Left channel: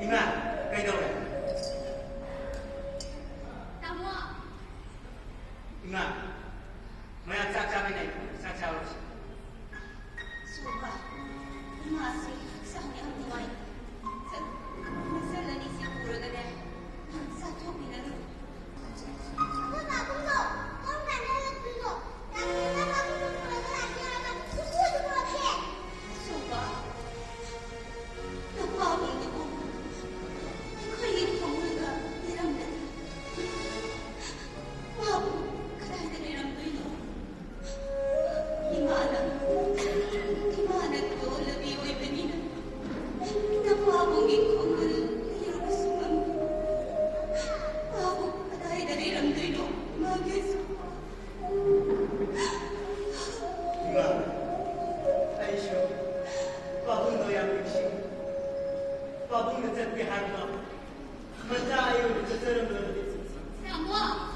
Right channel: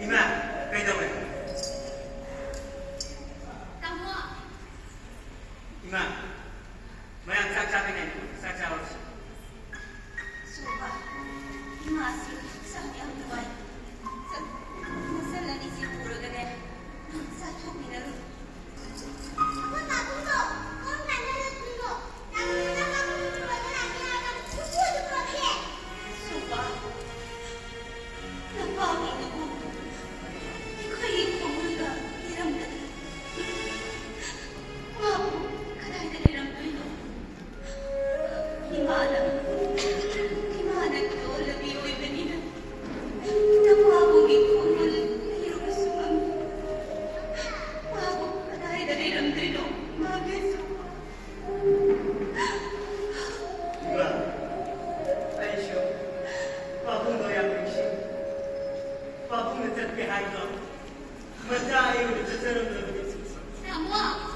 Ima, kailangan. Tama. Ima, may ang sasabi na ito, sasawa siya. Suba, imasi sa aming buhay. Sa nanisiguro na din. Sa ato pinaro. Apa tak tunggu? Kau tak nak tunggu. Tak tunggu lagi. Tunggu tu boleh. Suba, napawag ako. Kaya pamulga, niramdan. Wow, kadang niramdan ako. Himanang to, labi ko ibaninan. Napawag ko na iyong sumam. Wow, kadang niramdan ako. Mabeso ko. Ima, Aisha, pabung doya bersih. Pabung ngecat ke harga. Mata ayu di cecerung dalam bisnis. Tama.